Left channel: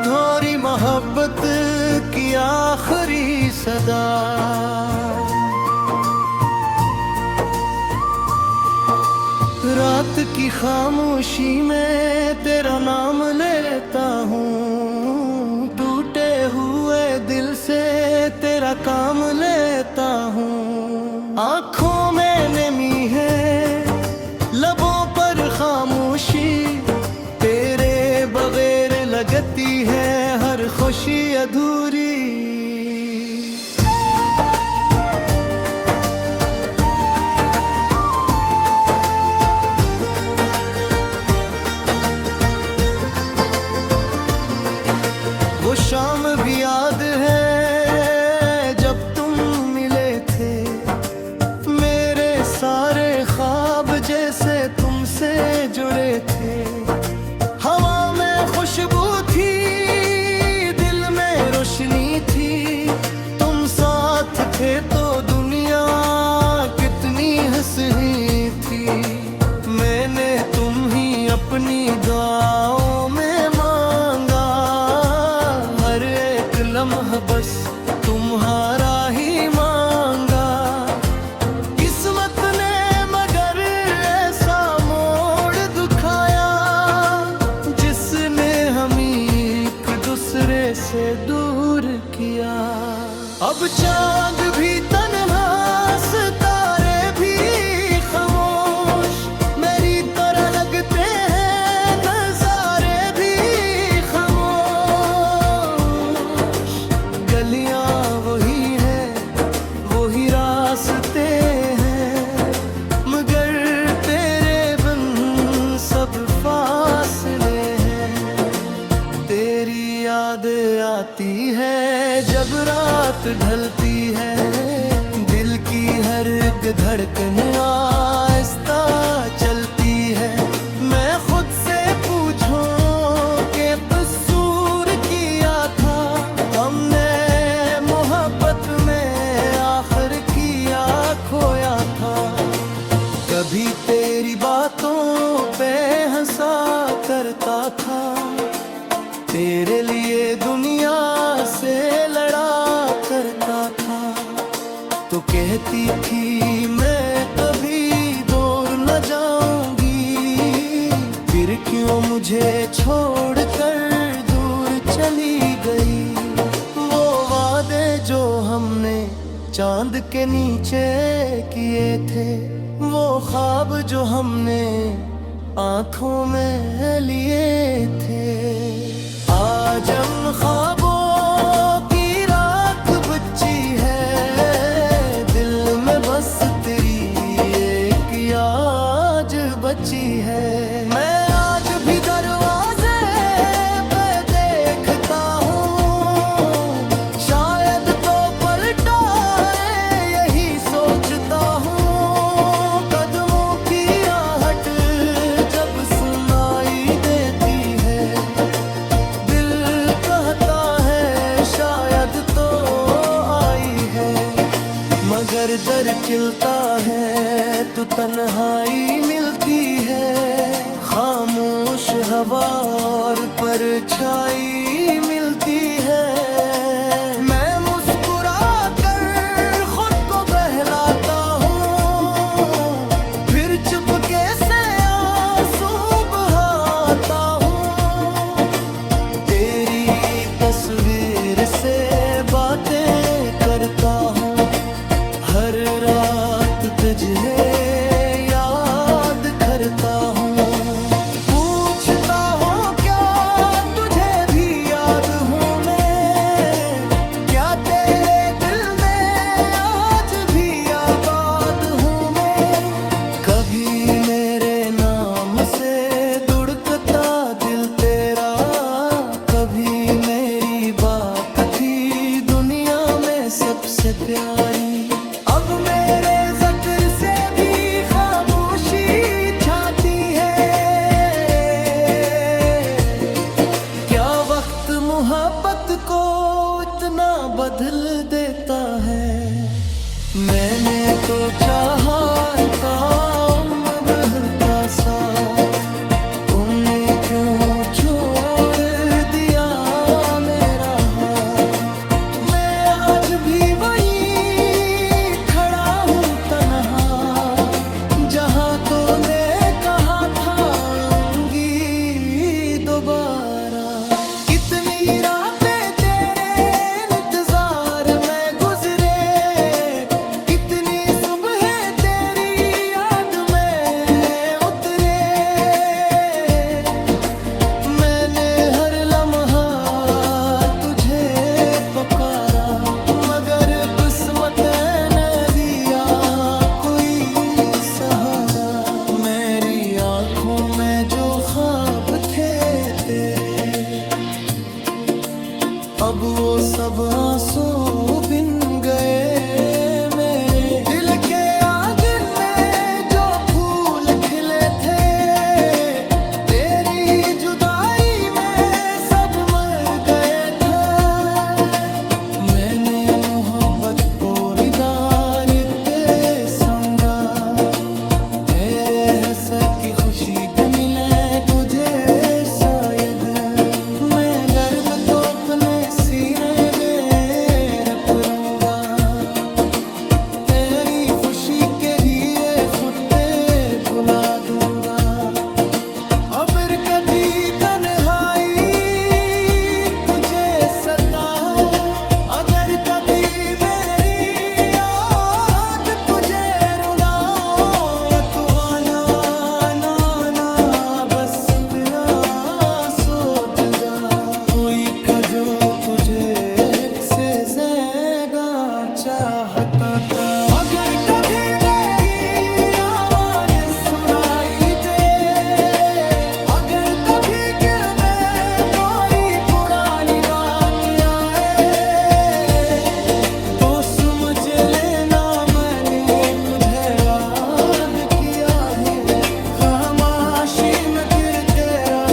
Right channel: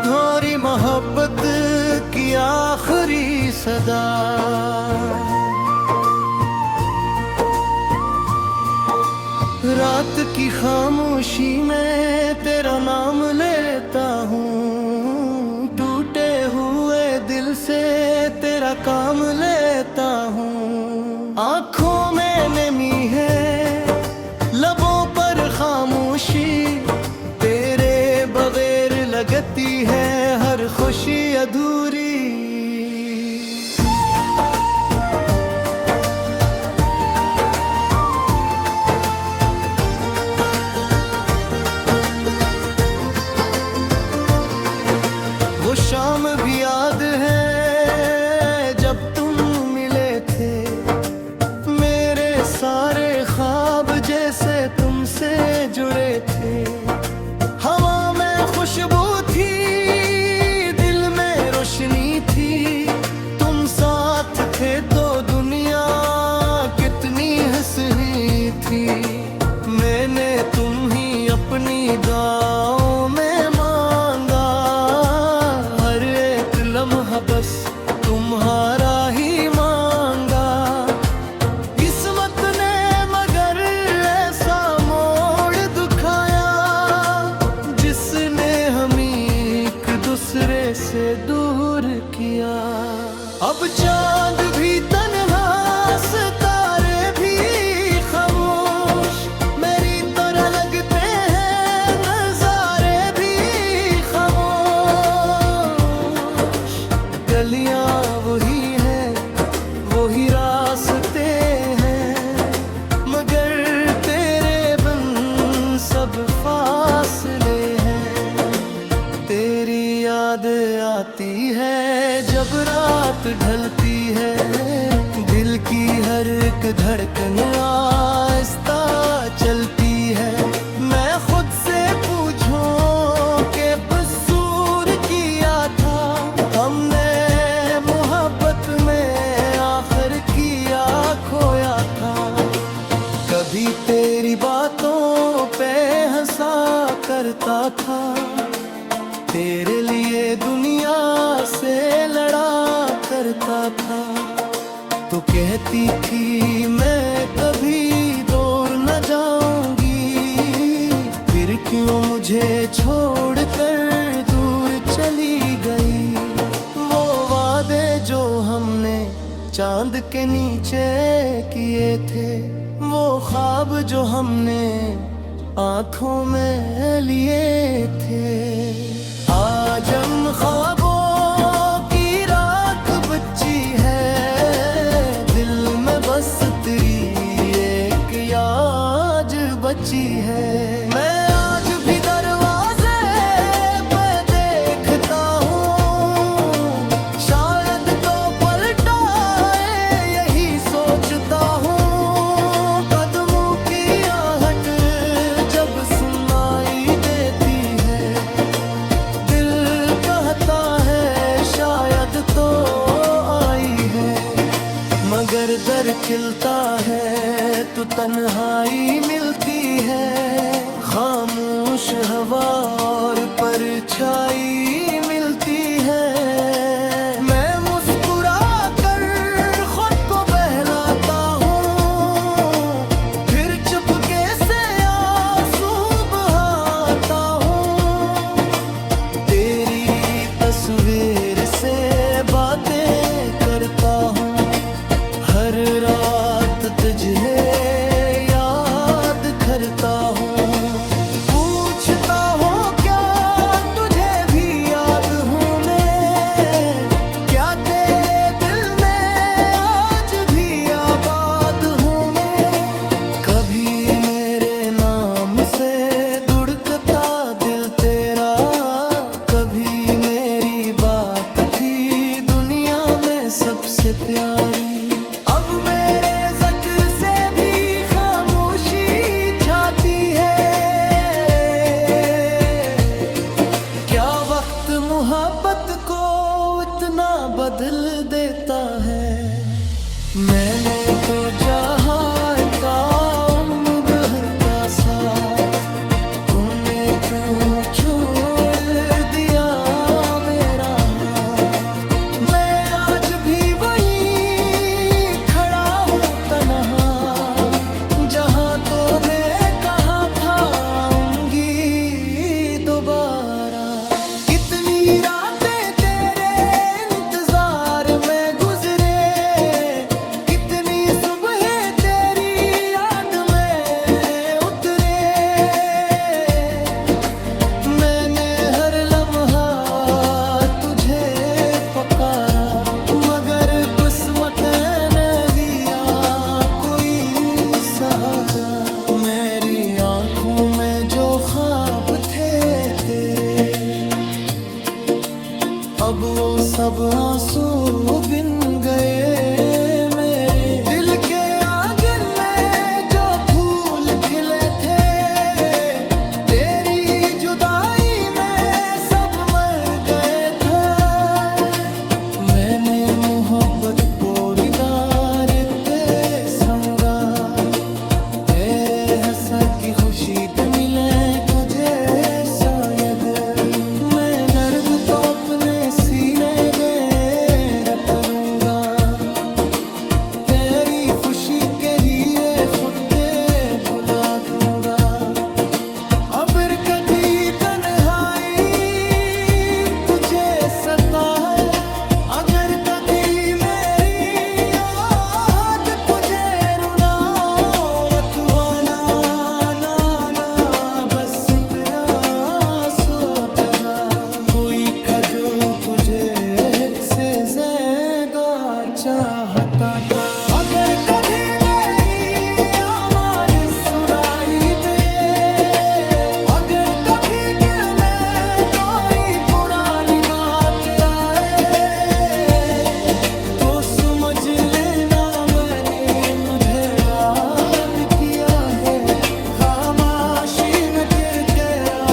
अधूरी मोहब्बत की आखिरी सदा। रात की खामोशी में तेरा नाम लेता हूँ, टूटे हुए दिल से तेरा काम लेता हूँ। आँखों में नमी है, लबों पर खामोशी, तेरे बगैर लगती है हर खुशी अधूरी। वो शाम भी याद है जब तुम मिले थे, मेरे सारे ख्वाब जैसे तुमसे जुड़े थे। हवा में खुशबू थी, दिल में रोशनी थी, तुम साथ थे तो दुनिया कितनी हंसनी थी। मैंने तुम ही अपनी दुआओं में मांगा, हर एक लम्हा बस तुम्हारा ही मांगा। किस्मत ने मगर ऐसा मोड़ दिखाया, जिसने हमें एक दूसरे से दूर किया। अब चांद भी तन्हा, सितारे भी खामोश, मेरी तरह लगते हैं नजारे भी खामोश। गलियां वही हैं, वही रास्ते हैं, मगर तेरे बिन सब फासले हैं। तेरी याद आती है जब रात ढलती है, दिल की हर एक धड़कन आहिस्ता चलती है। मैं खुद से पूछूं कि कसूर किया था हमने, मोहब्बत में आखिर किया खोया था। कभी तेरी बातों पे हंसा करता था, तेरे लिए दुनिया से लड़ा करता था। तो कहती थी मैं कभी दूर न जाऊंगी, फिर क्यों मुझे छोड़कर दूर चली गई। वो वादे जो हमने चांद के नीचे किए थे, वो ख्वाब जो हमने आंखों में लिए थे। आज हम ख्वाबों की राख बची है, दिल में बस तेरी एक याद बची है। मैं आज भी दरवाजे पे देखता हूँ, शायद तो पलटाए यही सोचता हूँ। कदमों की आहट जब सुनाई देती है, है शायद तो आई है, मगर दर खिलता है तो तन्हाई मिलती है। खामोश हवा और परछाई मिलती है। मैं मुस्कुरा कर खुद को बहलाता हूँ, फिर चुपके से आंसू बहाता हूँ। तस्वीर से बातें करता हूँ, हर रात तुझे याद करता हूँ। पूछता हूँ क्या तुझे भी याद हूँ मैं, क्या तेरे दिल में आज भी आबाद हूँ मैं। कभी मेरे नाम से धड़कता दिल तेरा, कभी मेरी बात थी दुनिया में सबसे प्यारी। अब मेरे ज़िक्र से भी खामोशी छाती है। क्या वक्त मोहब्बत को इतना बदल देता है। मैंने तो चाहा था उम्र भर का साथ, तुमने क्यों छोड़ दिया आंखों में जो ख्वाब थे तेरे, अब वो सब आंसू बिन गए। मेरे दिल के आंगन में जो फूल खिले थे, तेरी जुदाई में सब मर गए थे। मैंने मोहब्बत पोरीदार ते संगा, तेरे हंसा की खुशी भी मिले तुझे शायद। मैं दर्द तो अपने सीने में रख लूंगा, तेरी खुशी के लिए खुद पे भुला दूंगा। अगर कभी तन्हाई तुझे सताए, अगर कभी मेरी याद तुझे रुलाए, तू आना ना ना बस इतना सोच जा। कोई का जो तुझे हित से ज़्यादा चाहता था। अगर कभी मेरी आवाज़ सुनाई दे, अगर कभी दिल में कोई पुरानी बात आए, तो समझ लेना मैंने तुझे याद किया है। खामोशी में गिर तेरा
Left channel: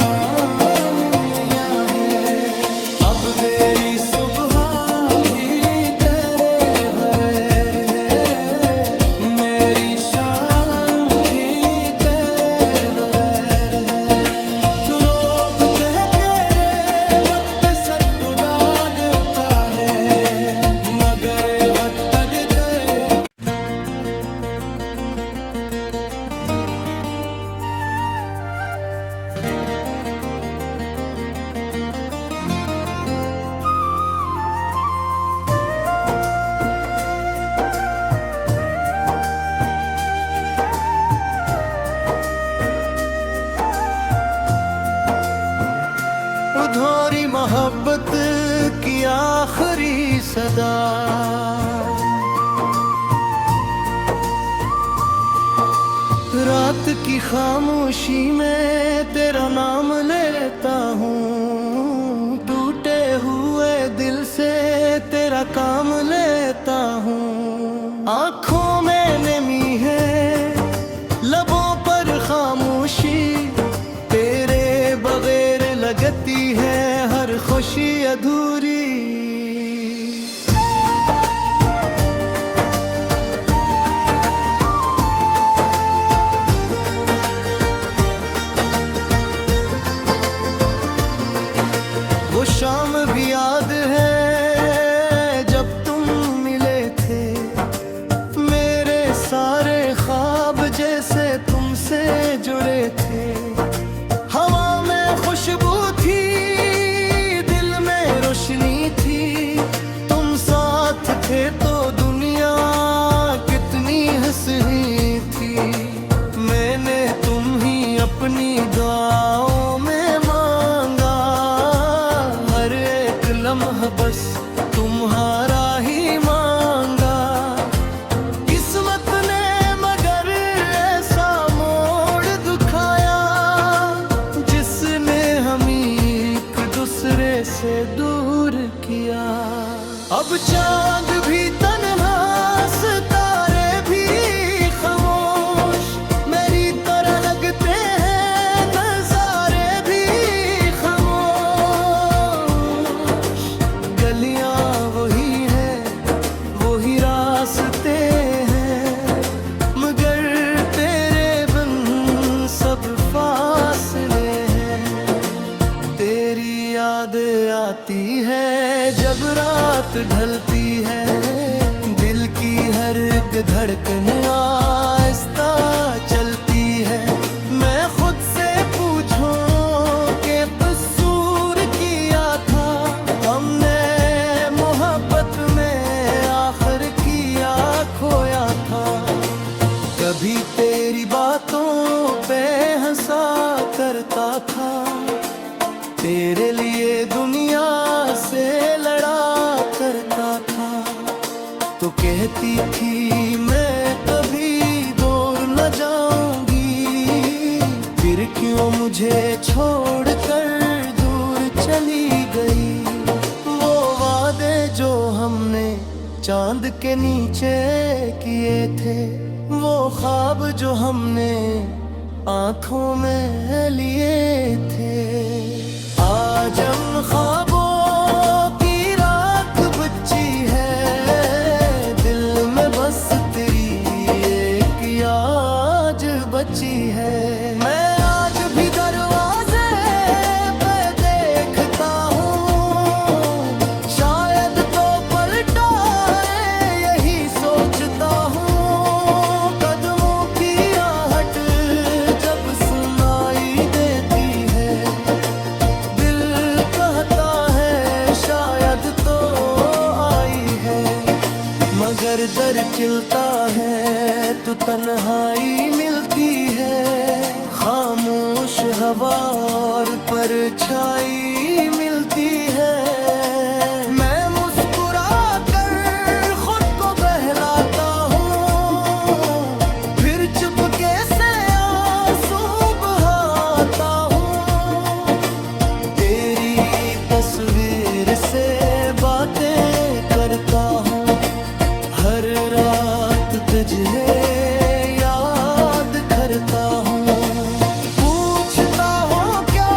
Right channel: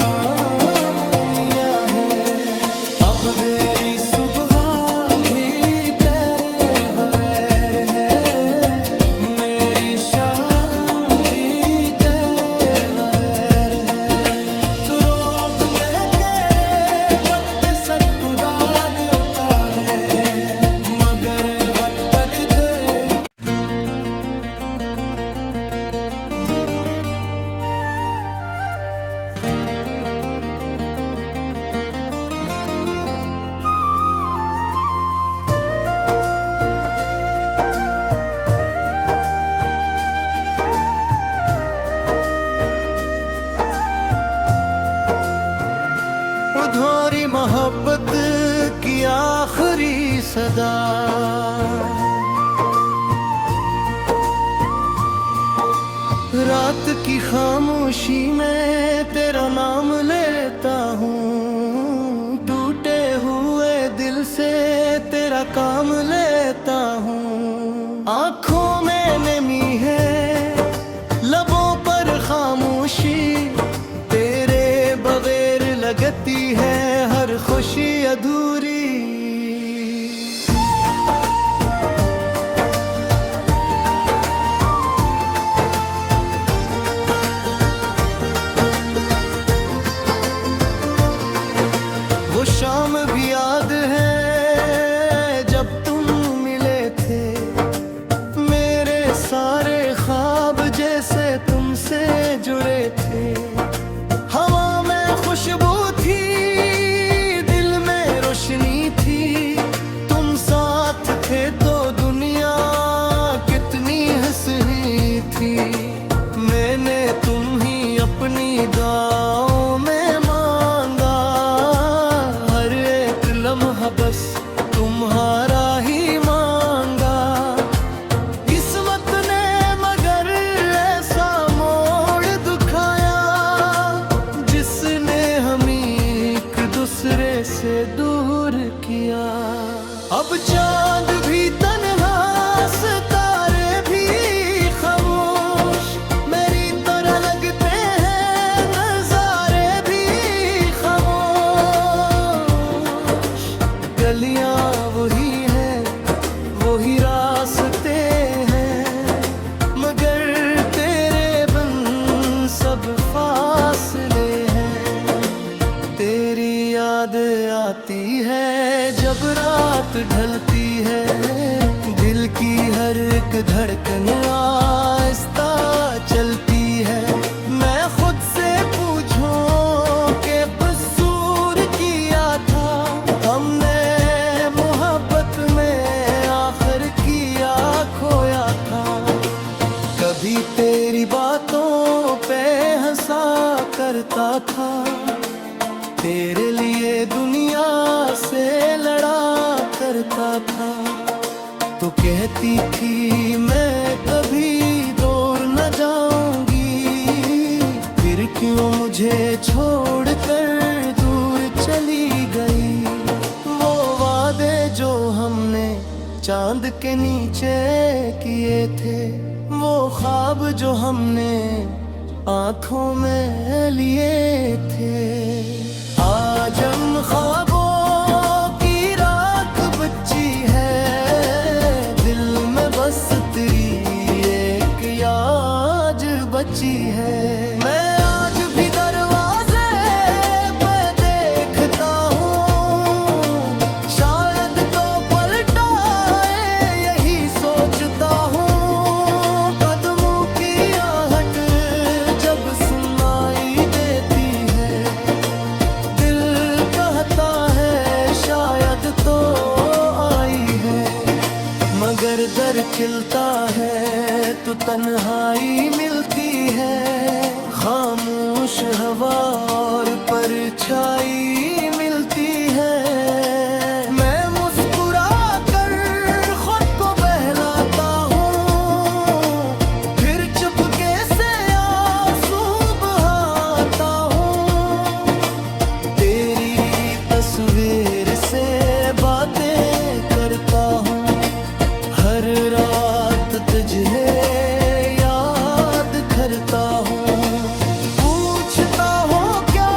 मामूलिया है। अब मेरी सुबह भी तेरे बगैर है, मेरी शाम भी तेरे बगैर है। तू रोग कह तेरे वक्त सत्तुदा देता है, मगर वक्त देते अधूरी मोहब्बत की आखिरी सदा। रात की खामोशी में तेरा नाम लेता हूँ, टूटे हुए दिल से तेरा काम लेता हूँ। आँखों में नमी है, लबों पर खामोशी, तेरे बगैर लगती है हर खुशी अधूरी। वो शाम भी याद है जब तुम मिले थे, मेरे सारे ख्वाब जैसे तुमसे जुड़े थे। हवा में खुशबू थी, दिल में रोशनी थी, तुम साथ थे तो दुनिया कितनी हंसी थी। मैंने तुम ही अपनी दुआओं में मांगा, हर एक लम्हा बस तुम्हारा ही मांगा। किस्मत ने मगर ऐसा मोड़ दिखाया, जिसने हमें एक दूसरे से दूर किया। अब चांद भी तन्हा, सितारे भी खामोश, मेरी तरह लगते हैं नजारे भी खामोश। गलियां वही हैं, वही रास्ते हैं, मगर तेरे बिन सब फासले हैं। तेरी याद आती है जब रात ढलती है, दिल की हर एक धड़कन आहिस्ता चलती है। मैं खुद से पूछूं कि कसूर किया था हमने मोहब्बत में, आखिर किया खोया था। कभी तेरी बातों पे हंसा करता था, तेरे लिए दुनिया से लड़ा करता था। तो कहती थी मैं कभी दूर न जाऊंगी, क्यों मुझे छोड़कर दूर चली गई। वो वादे जो हमने चांद के नीचे किए थे, वो ख्वाब जो हमने आंखों में लिए थे, आज हम ख्वाबों की राख बची है। दिल में बस तेरी एक याद बची है। मैं आज भी दरवाजे पे देखता हूँ, शायद तो पलटाए यही सोचता हूँ। कदमों की आहट जब सुनाई देती है, दिल कहता है शायद तो आई है। मगर दर खिलता है तो तन्हाई मिलती है। खामोश हवा और परछाई मिलती है। मैं मुस्कुरा कर खुद को बहलाता हूँ, फिर चुपके से आंसू बहाता हूँ। तेरी तस्वीर से बातें करता हूँ, हर रात तुझे याद करता हूँ। पूछता हूँ क्या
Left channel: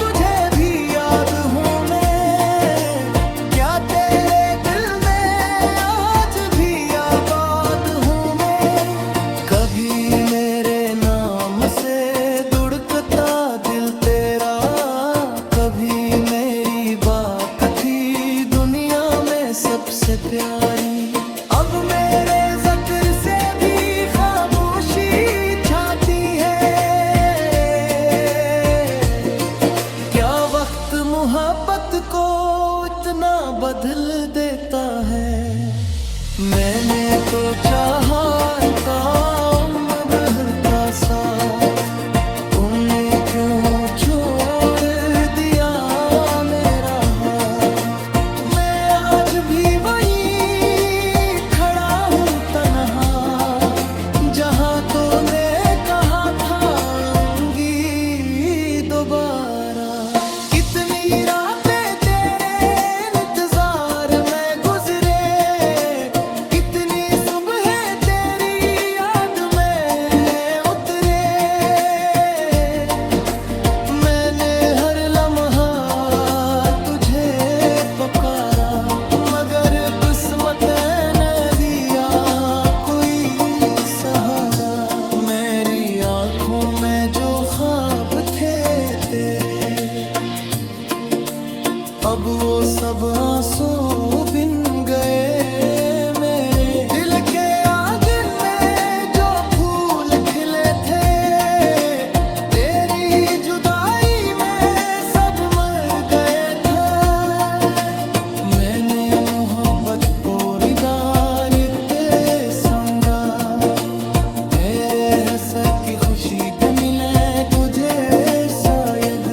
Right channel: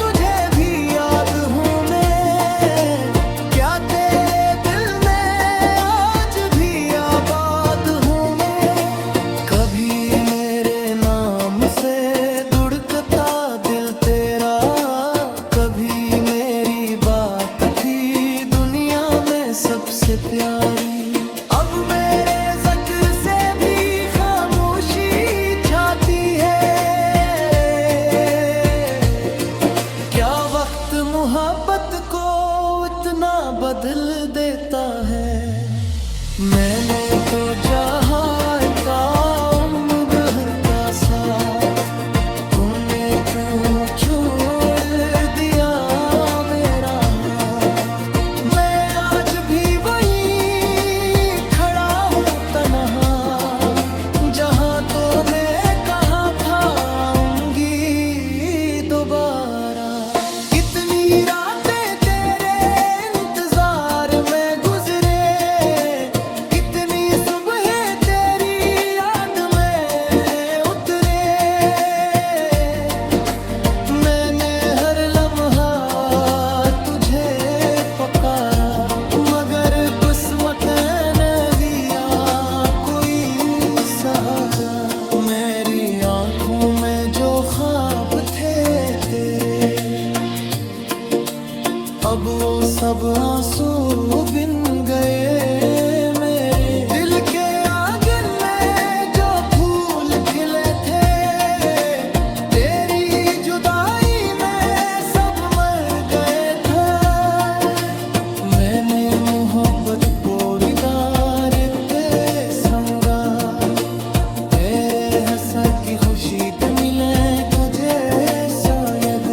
तुझे भी याद हूँ मैं, क्या तेरे दिल में आज भी आबाद हूँ मैं। कभी मेरे नाम से धड़कता दिल तेरा, कभी मेरी बात थी दुनिया में सबसे प्यारी। अब मेरे ज़िक्र से भी खामोशी छाती है। क्या वक्त मोहब्बत को इतना बदल देता है। मैंने तो चाहा था उम्र भर का साथ, तुमने क्यों छोड़ दिया मेरा हाथ। मैं आज भी वही जहाँ तूने कहा था आऊंगी दोबारा। कितनी रातें तेरे इंतजार में गुजरे, कितनी सुबह तेरी याद में उतरे। मैंने हर लम्हा तुझे पुकारा, मगर किस्मत ने दिया कोई सहारा। मेरी आंखों में जो ख्वाब थे तेरे, अब वो सब आंसू बिन गए। मेरे दिल के आंगन में जो फूल खिले थे, तेरी जुदाई में सब मर गए थे। मैंने मोहब्बत पोरीदार ते संगा, तेरे हंसा की खुशी मिले तुझे शायद।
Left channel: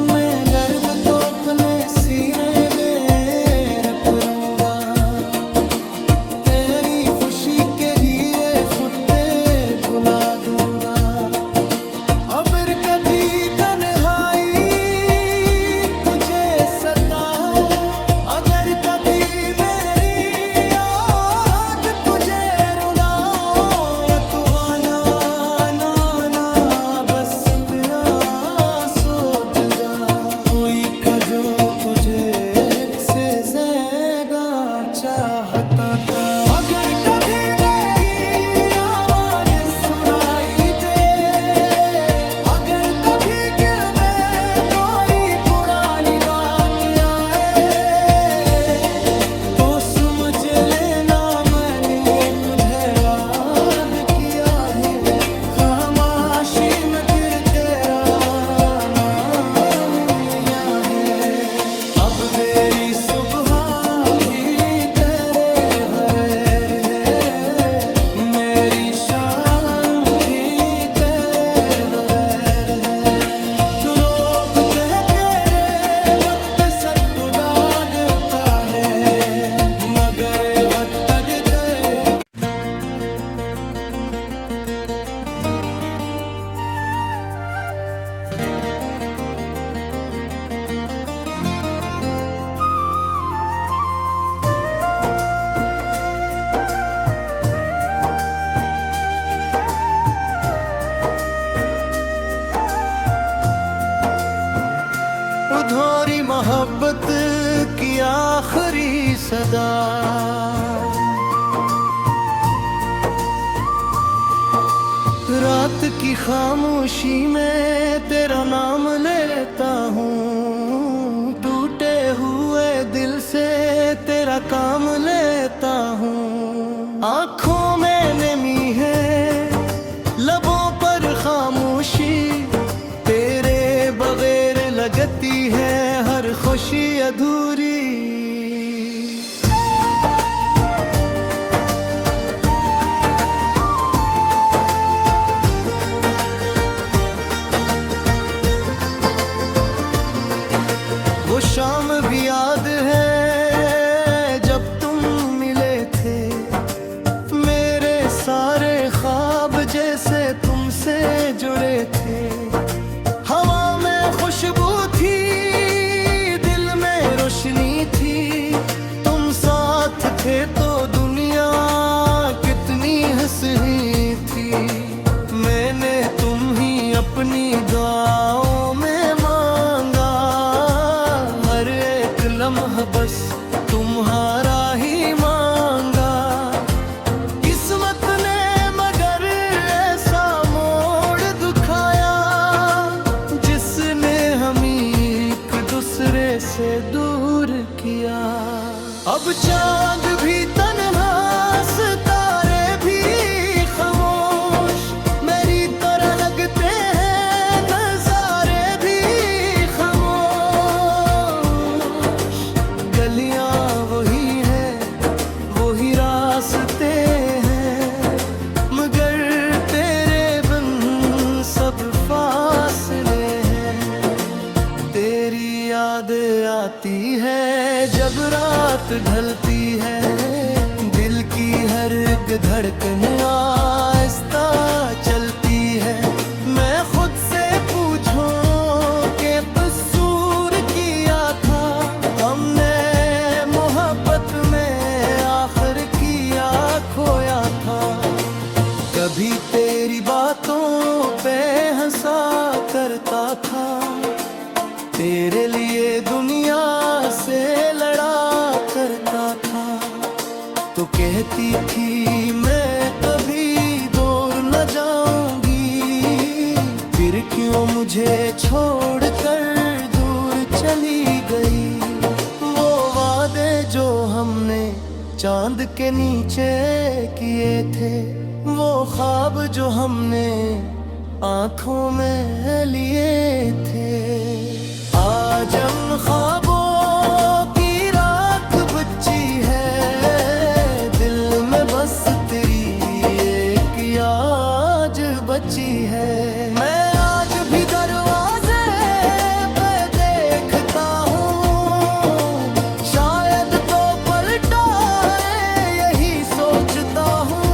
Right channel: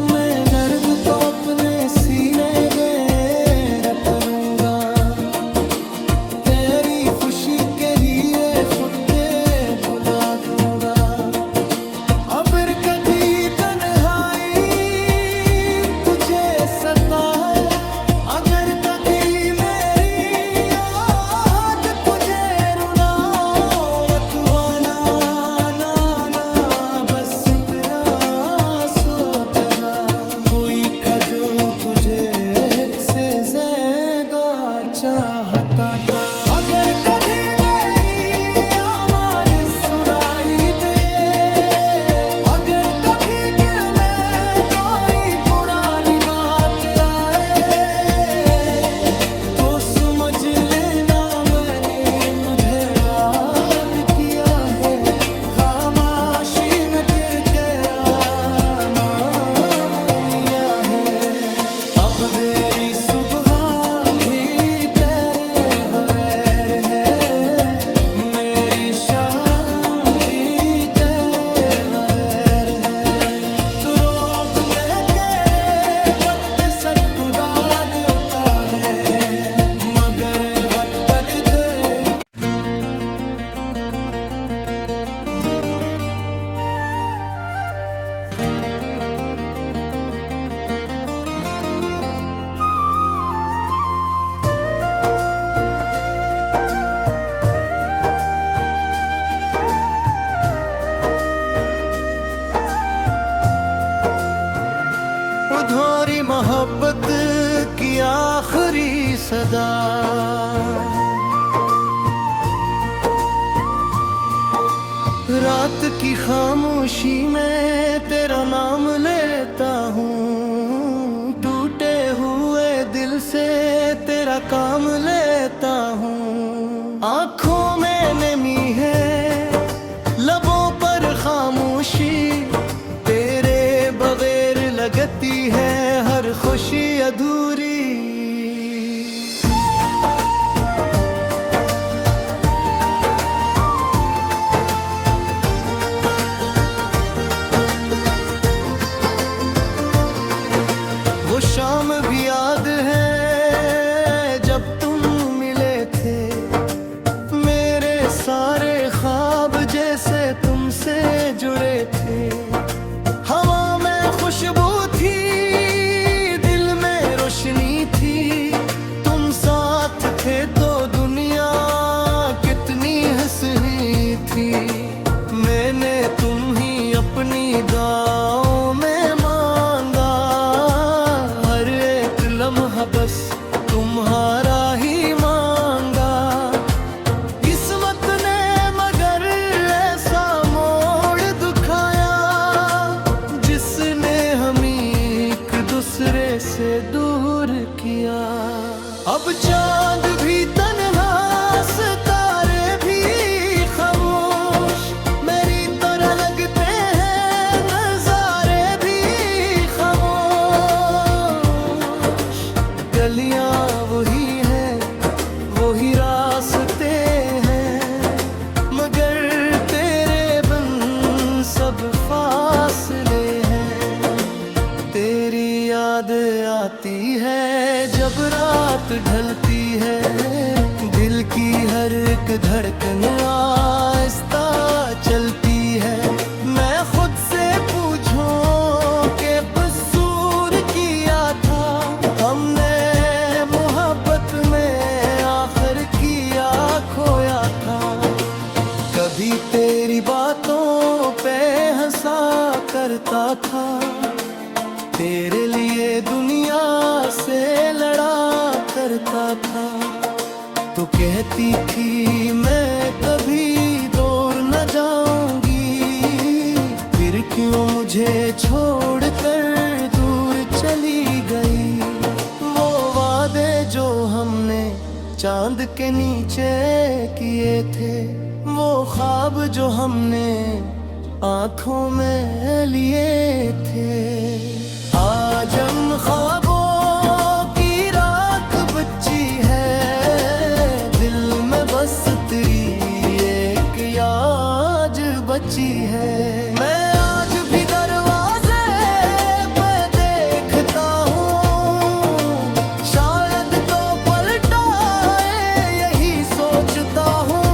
मैं दर्द तो अपने सीने में रख लूंगा, तेरी खुशी के लिए खुद पे बुला दूंगा। अब कभी तन्हाई तुझे सताए, अगर कभी मेरी याद तुझे रुलाए, तू आना ना ना बस तेरा सोचगा। कोई का जो तुझे हित से ज्यादा चाहता था। अगर कभी मेरी आवाज सुनाई दे, अगर कभी दिल की आखिरी सदा। रात की खामोशी में तेरा नाम लेता हूँ, टूटे हुए दिल से तेरा काम लेता हूँ। आँखों में नमी है, लबों पर खामोशी, तेरे बगैर लगती है हर खुशी अधूरी। वो शाम भी याद है जब तुम मिले थे, मेरे सारे ख्वाब जैसे तुमसे जुड़े थे। हवा में खुशबू थी, दिल में रोशनी थी, तुम साथ थे तो दुनिया कितनी हंसनी थी। मैंने तुम ही अपनी दुआओं में मांगा, हर एक लम्हा बस तुम्हारा ही मांगा। किस्मत ने मगर ऐसा मोड़ दिखाया, जिसने हमें एक दूसरे से दूर किया। अब चांद भी तन्हा, सितारे भी खामोश, मेरी तरह लगते हैं नजारे भी खामोश। गलियां वही हैं, वही रास्ते हैं, मगर तेरे बिन सब फासले हैं। तेरी याद आती है जब रात ढलती है, दिल की हर एक धड़कन आहिस्ता चलती है। मैं खुद से पूछूं कि कसूर किया था हमने, मोहब्बत में आखिर किया खोया था। कभी तेरी बातों पे हंसा करता था, तेरे लिए दुनिया से लड़ा करता था। तो कहती थी मैं कभी दूर न जाऊंगी, फिर क्यों मुझे छोड़कर दूर चली गई। वो वादे जो हमने चांद के नीचे किए थे, वो ख्वाब जो हमने आंखों में लिए थे, आज उन ख्वाबों की राख बची है। दिल में बस तेरी एक याद बची है। मैं आज भी दरवाजे पे देखता हूँ, शायद तो पलटाए यही सोचता हूँ।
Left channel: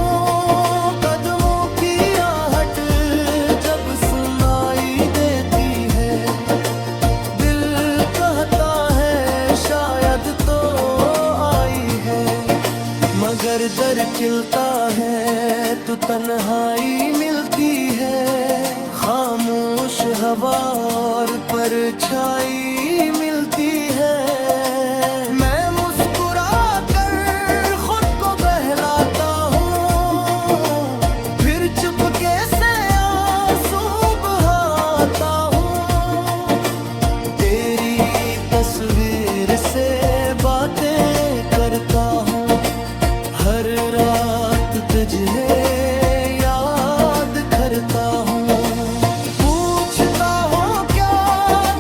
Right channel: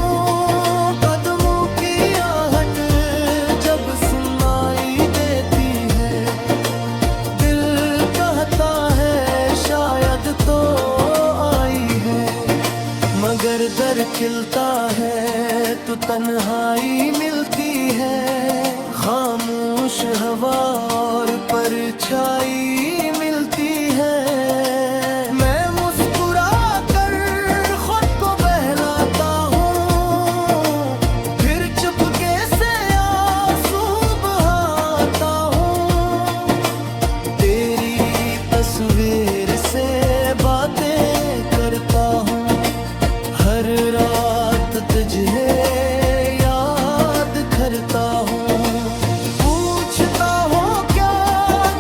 कदमों की आहट जब सुनाई देती है, दिल कहता है शायद तो आई है। मगर दर खिलता है तो तन्हाई मिलती है, खामोश हवा और परछाई मिलती है। मैं मुस्कुरा कर खुद को बहलाता हूँ, फिर चुपके से आंसू बहाता हूँ। तेरी तस्वीर से बातें करता हूँ, हर रात तुझे याद करता हूँ। पूछता हूँ क्या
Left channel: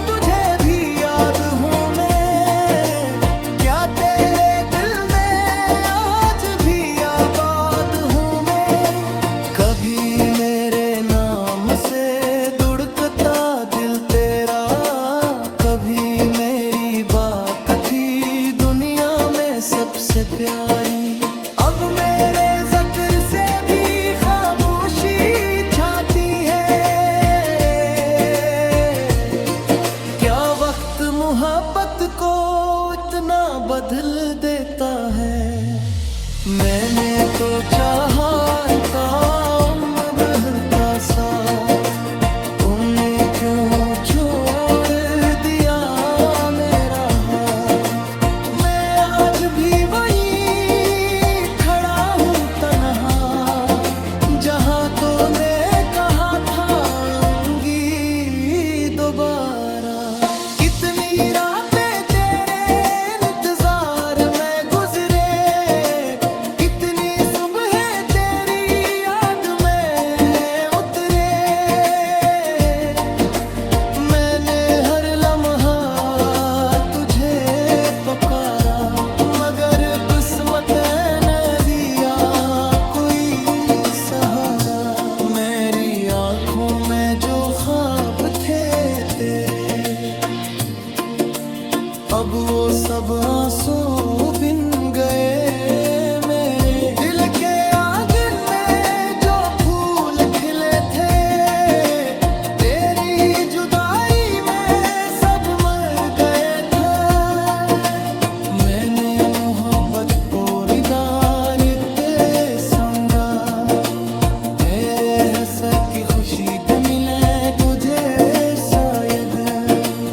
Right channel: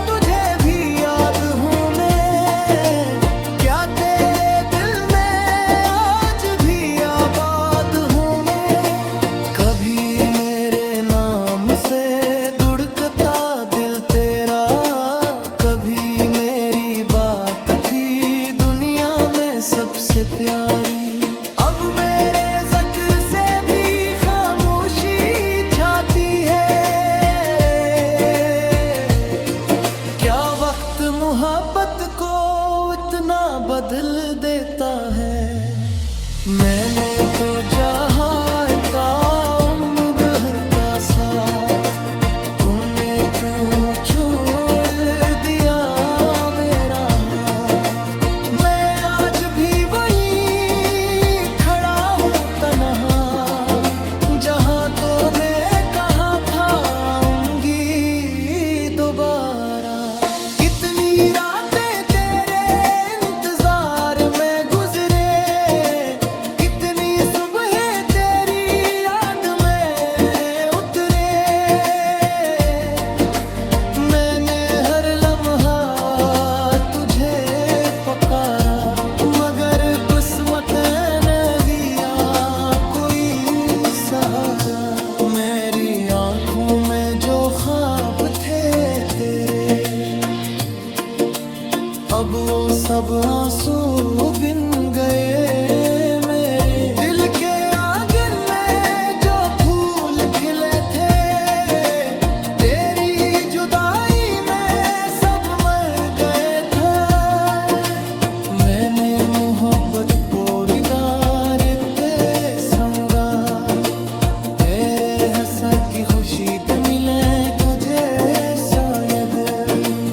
तुझे भी याद हूँ मैं, क्या तेरे दिल में आज भी आबाद हूँ मैं। कभी मेरे नाम से धड़कता दिल तेरा, कभी मेरी बात थी दुनिया में सबसे प्यारी। अब मेरे ज़िक्र से भी खामोशी छाती है, क्या वक्त मोहब्बत को इतना बदल देता है। मैंने तो चाहा था उम्र भर का साथ, तुमने क्यों छोड़ दिया मेरा हाथ। बातों ने कहा था आऊंगी दोबारा। कितनी रातें तेरे इंतजार में गुजरे, कितनी सुबह तेरी याद में उतरे। मैंने हर लम्हा तुझे पुकारा, मगर किस्मत ने दिया कोई सहारा। मेरी आंखों में जो ख्वाब थे तेरे, अब वो सब आंसू बिन गए। मेरे दिल के आंगन में जो फूल खिले थे, तेरी जुदाई में सब मर गए थे। मैंने मोहब्बत पोरीदार ते संगा, तेरे हंसा की खुशी भी मिले तुझे शायद।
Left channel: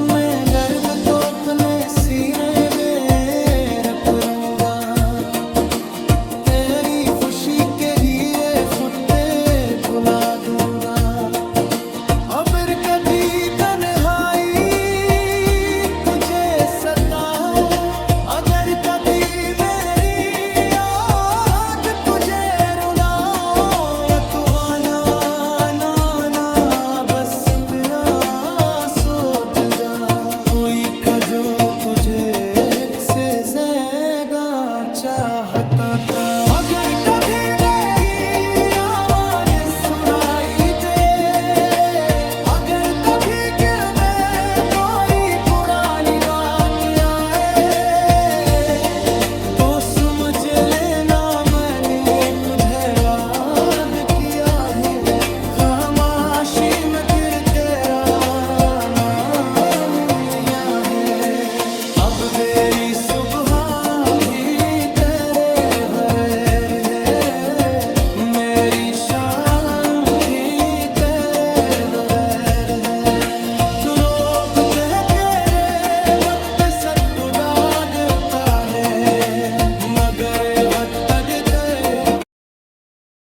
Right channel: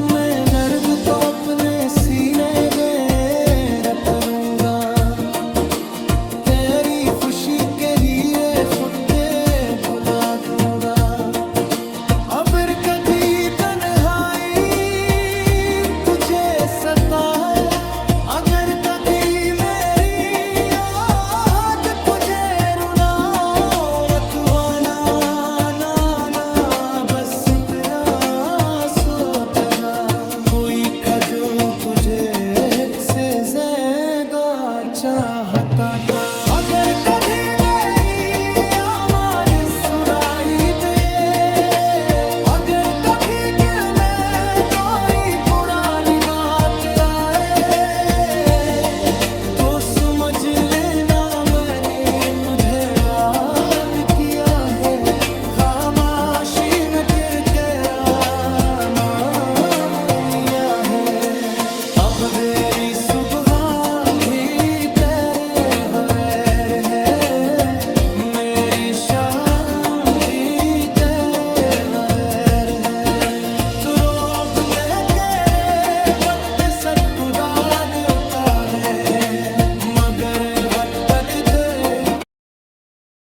मैं दर्द तो अपने सीने में रख लूंगा, तेरी खुशी के लिए खुद पे भुला दूंगा। अगर कभी तन्हाई तुझे सताए, अगर कभी मेरी याद तुझे रुलाए, तू आना ना ना बस इतना सोच जा। कोई जो तुझे से ज्यादा चाहता था, अगर